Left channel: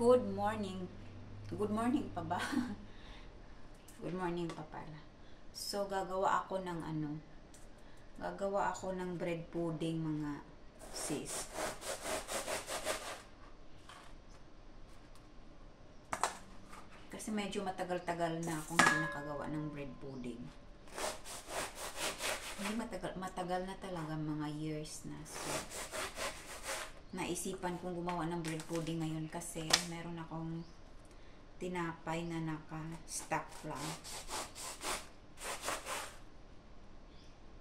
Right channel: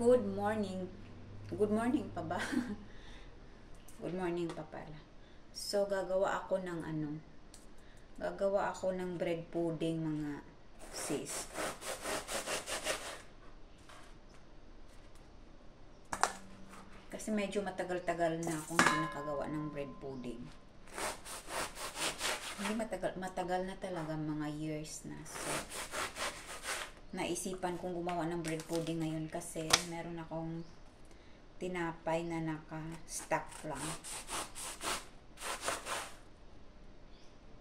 Good morning. Good morning pa ba? Good morning pa pala. So, gagawa ako ng bread pudding, mga sis. Kasi medyo matagal-tagal na akong hindi nakagawa ng bread pudding. Hindi matagal na talaga, mga years na. So, naisipan kong gumawa ng bread pudding ngayon kasi meron akong tinapay na naka-stock lang.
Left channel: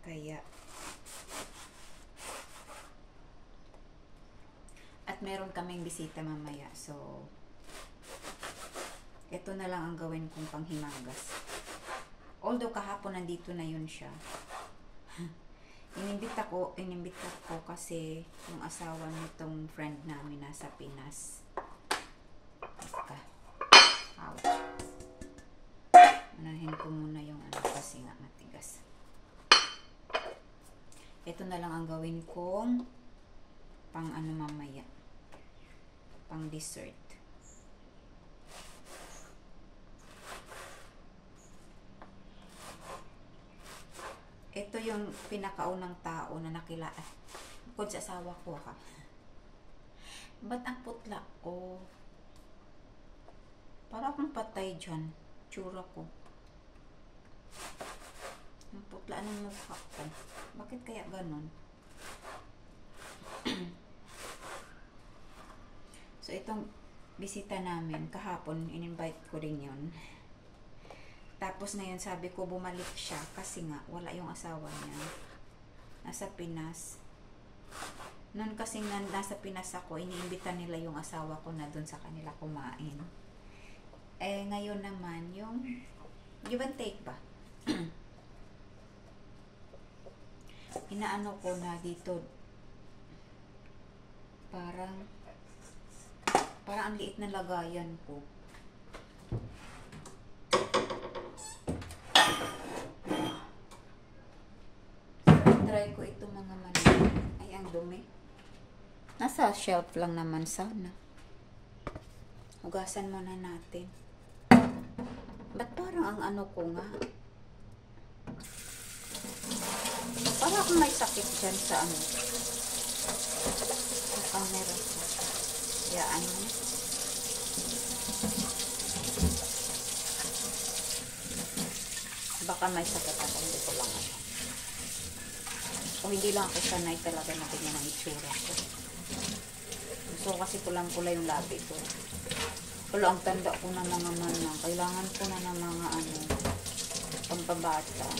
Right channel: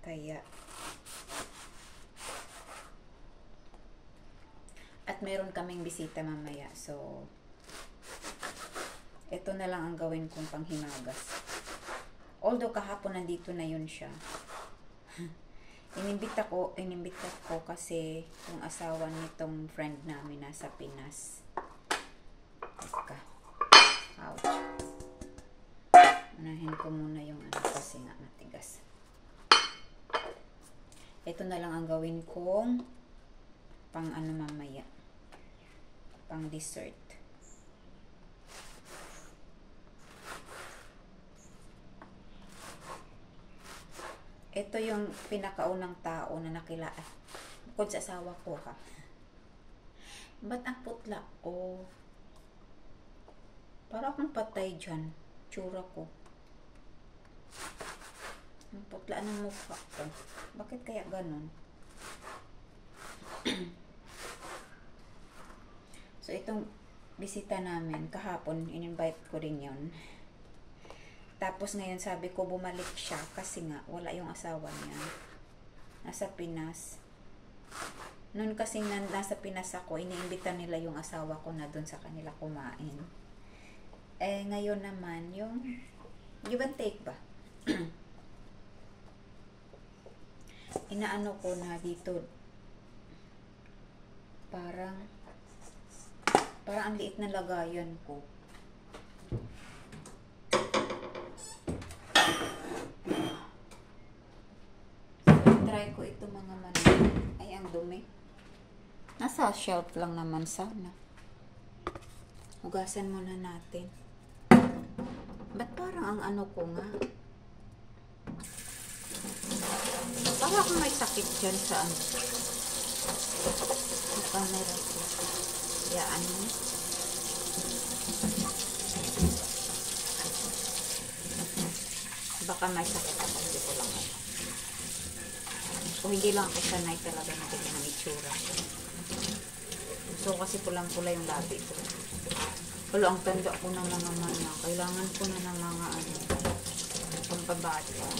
Kaya, at meron kaming bisita mamaya. So, ito na lang ang gawin kong panghimagas. Although kahapon nandito na yun siya. Inimbita ko kasi yung asawa nitong friend namin nasa Pinas. Teka. Ouch. Unahin ko muna yung kasi nga matigas. Ito na lang ang gawin kong pang mamaya. Pang dessert. Ito yung pinakaunang tao na nakilala. Bukod sa asawa ko, ha. Ba't ang putla ko? Para akong patay dyan. Tsura ko. Ang putla ng mukha ko. Bakit kaya ganon? So, itong bisita namin, kahapon, in-invite ko rin yun. Tapos ngayon sabi ko bumalik siya kasi nga wala yung asawa niya. Nasa Pinas. Noon kasing nasa Pinas ako, iniimbita nila yung asawa ko na doon sa kanila kumain. Eh ngayon naman yung give and take ba? Inaano ko na dito parang ang liit na lagayan ko. Try ko ito mga manok. Ay, ang dumi. Nasa shelf lang naman sana. Hugasan muna natin. Ba't parang ang ano ko nga? Parang akong may sakit dyan sa ano. Sa camera ko. Yaan mo. Baka may sakit ako. Hindi ko lang ano. O hindi lang ako sanay talaga na tingnan ang itsura ko. So kasi pulang-pula yung labi ko. Pero ang tanda ko na mga manang. Kailangan ko na ng mga ano, pampabata.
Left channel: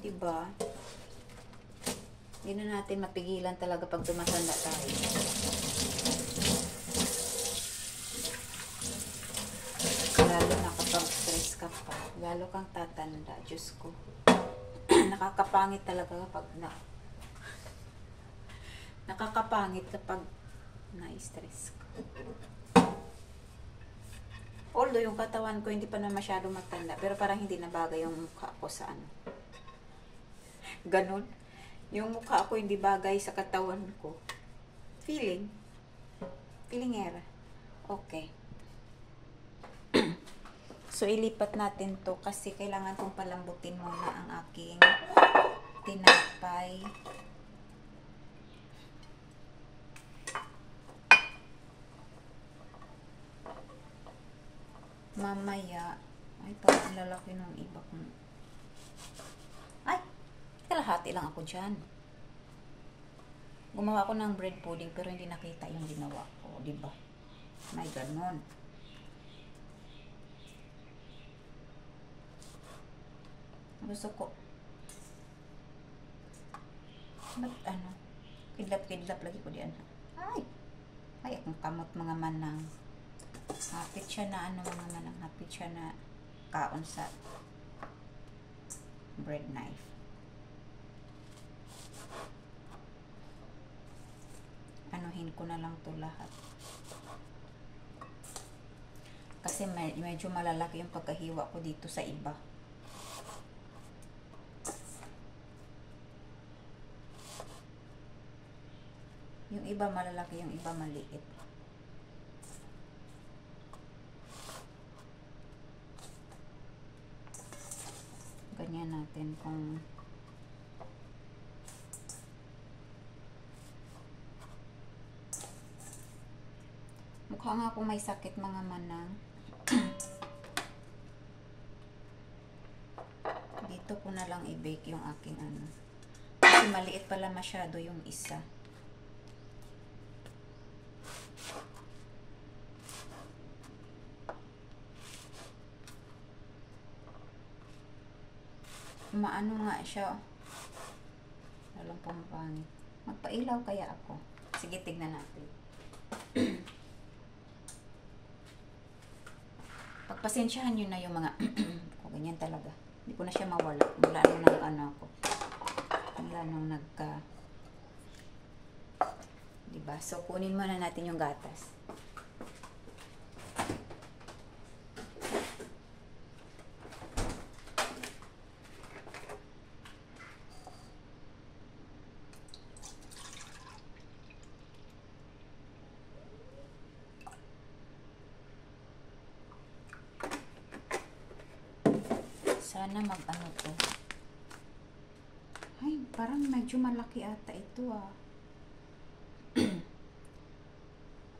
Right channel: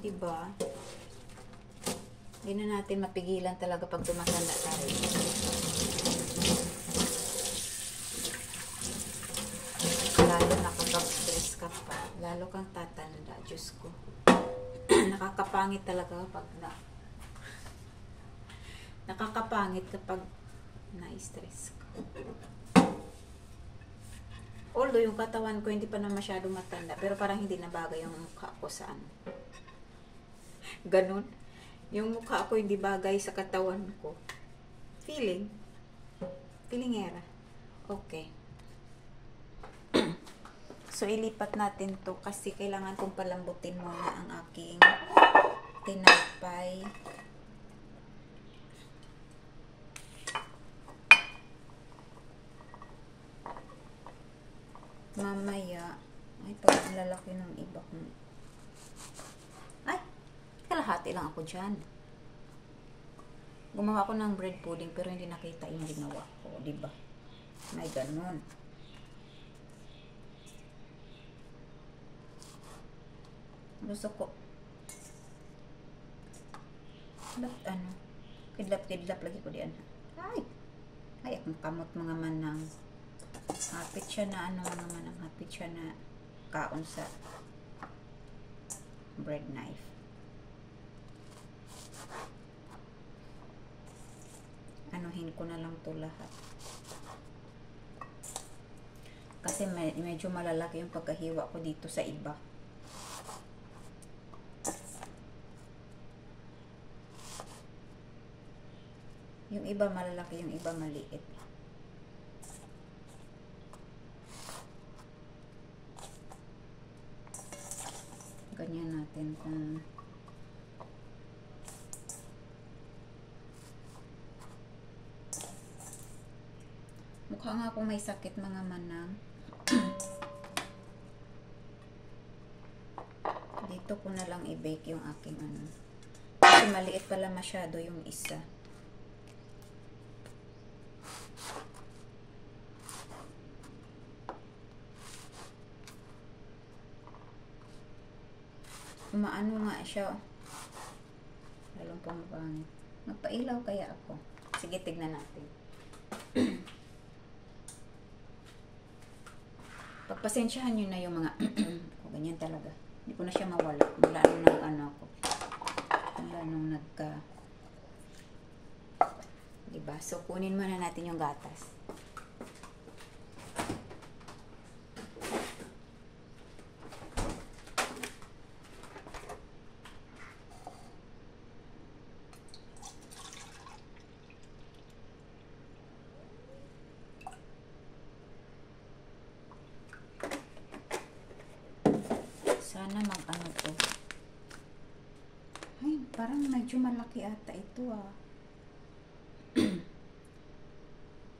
Diba? Hindi na natin mapigilan talaga pag tumatanda tayo. Lalo na kapag stress ka pa. Lalo kang tatanda. Diyos ko. Nakakapangit talaga kapag nakakapangit kapag na-stress ka. Although yung katawan ko hindi pa na masyadong matanda. Pero parang hindi na bagay yung mukha ko sa ano. Ganon. Yung mukha ko hindi bagay sa katawan ko. Feelingera. Okay. So, ilipat natin to kasi kailangan kong palambutin muna ang aking tinapay. Mamaya, ay, parang lalaki ng iba kong. Ay, kalahati lang ako dyan. Gumawa ko ng bread pudding pero hindi nakita yung ginawa ko, diba? May ganon. Gusto ko. Ba't ano? Kidlap-kidlap lagi ko diyan. Ay, akong kamot mga manang. Hapit siya na ano mga manang. Hapit siya na kaon sa bread knife. Anuhin ko na lang to lahat. Kasi medyo malalaki yung pagkahiwa ko dito sa iba. Yung iba malalaki, yung iba maliit. Ganyan natin kung mukha nga akong may sakit mga manang. Dito ko na lang i-bake yung aking ano. Kasi maliit pala masyado yung isa. Maano nga siya. Lalong pang pangit. Magpailaw kaya ako. Sige, tignan natin. Pagpasensyahan nyo na yung mga o ganyan talaga. Hindi ko na siya mawala. Mula nung ano ako. Mula nung nagka diba? So, kunin muna natin yung gatas. Sana mag-ano to. Ay, parang medyo malaki ata ito ah.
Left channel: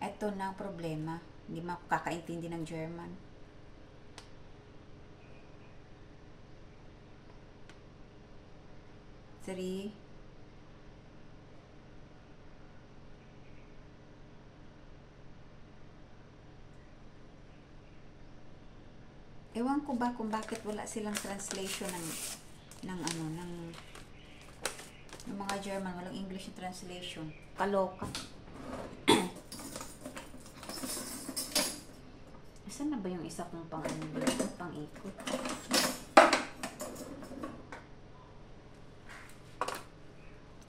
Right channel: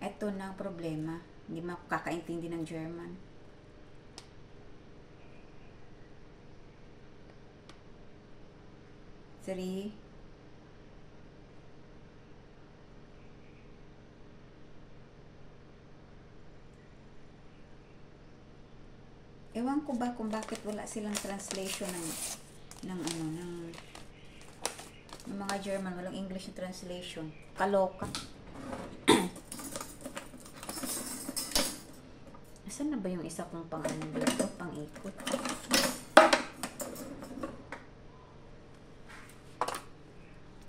Ito na ang problema. Hindi makakaintindi ng German. Three. Ewan ko ba kung bakit wala silang translation ng ano, ng mga German, walang English translation. Kaloka. Nasaan na ba yung isa kong pang ano dito? Pang ikot.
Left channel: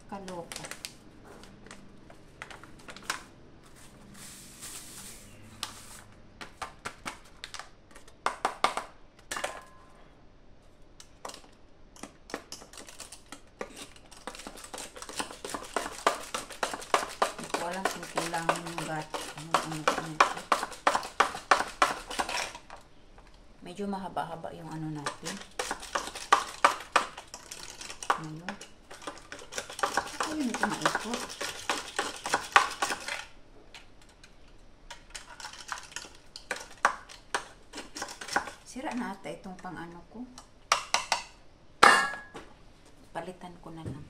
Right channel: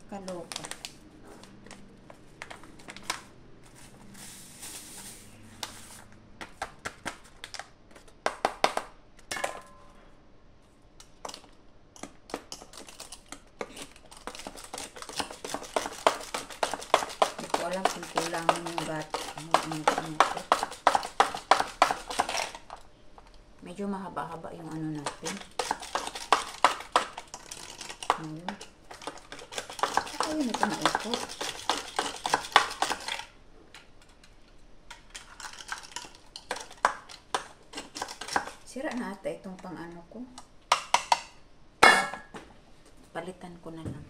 Kaloka. Alam kung kailangan yung medyo mahaba-haba yung ano natin. Ayun. Ayun, ito maikot. Sira na ata itong pang ano ko. Palitan ko na lang.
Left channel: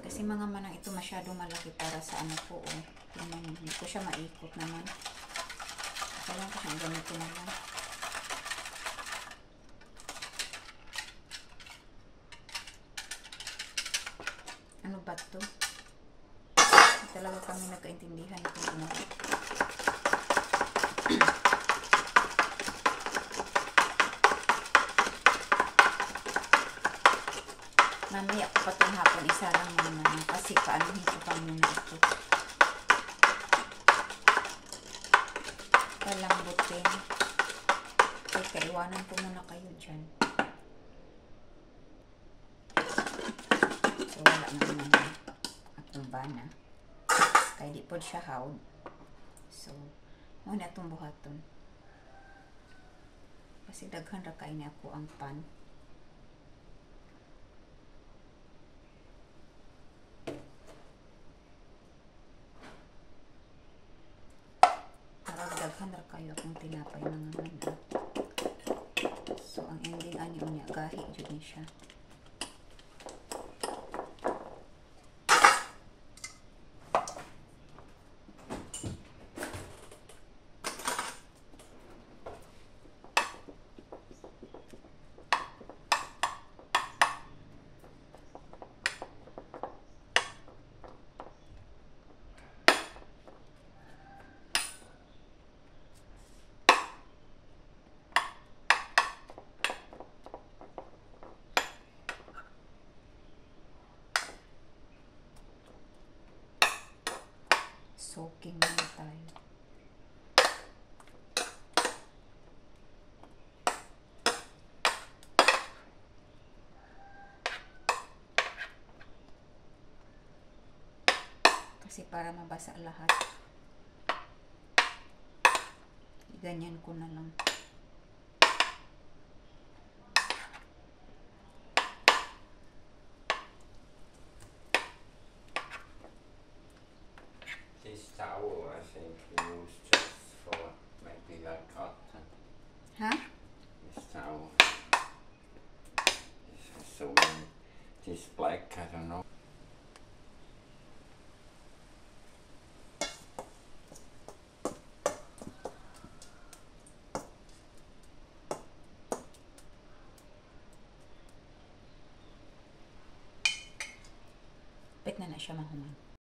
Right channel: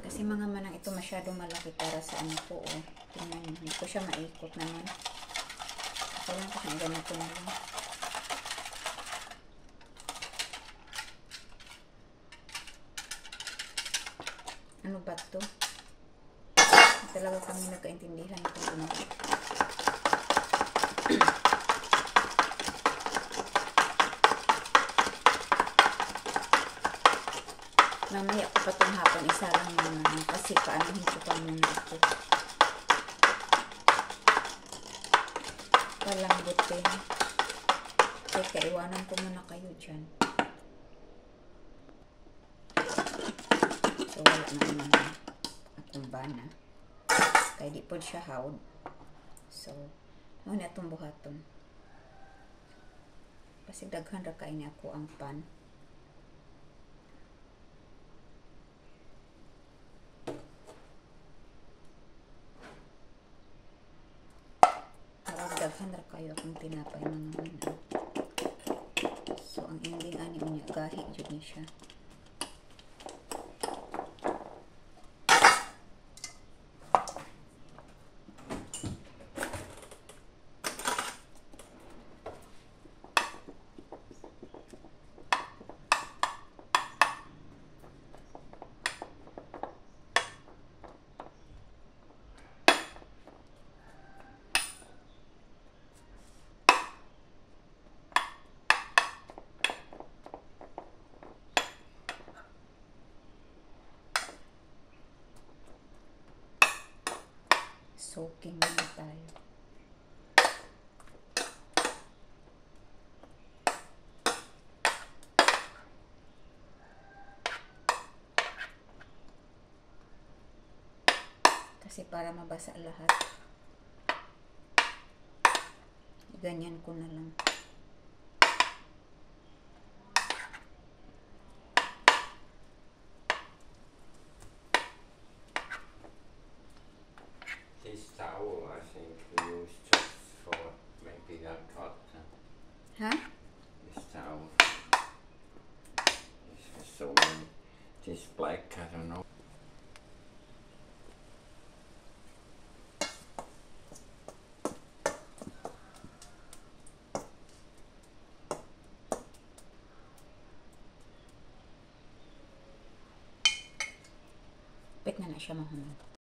Kasi mga manang ito masyadong malaki para sa ano ko, oh. Hindi ko siya maikot naman. Kailangan ko siyang ganito na lang. Ano ba ito? Talaga kami nagkaintindihan kung ano. Mamaya ko pa itong hapon, isa lang naman kasi paanuhin ko pa muna ito. Palambutin. Teka, iwanan ko muna kayo dyan. So, wala naman akong bana. Kaya di po siya hawd. So, muna itong buhaton. Kasi daghan ra kain ako ang pan. Daghan ra kayo akong tinapay mga manang. So, ang ending ani niya, gahi jud ni siya. Soaking muna tayo. Kasi para mabasa lahat. Ganyan ko na lang. This towel, I think we use just for maybe a cotton. Ha? This towel. This is so many. This black, I don't know. Pwede na siya mahumay.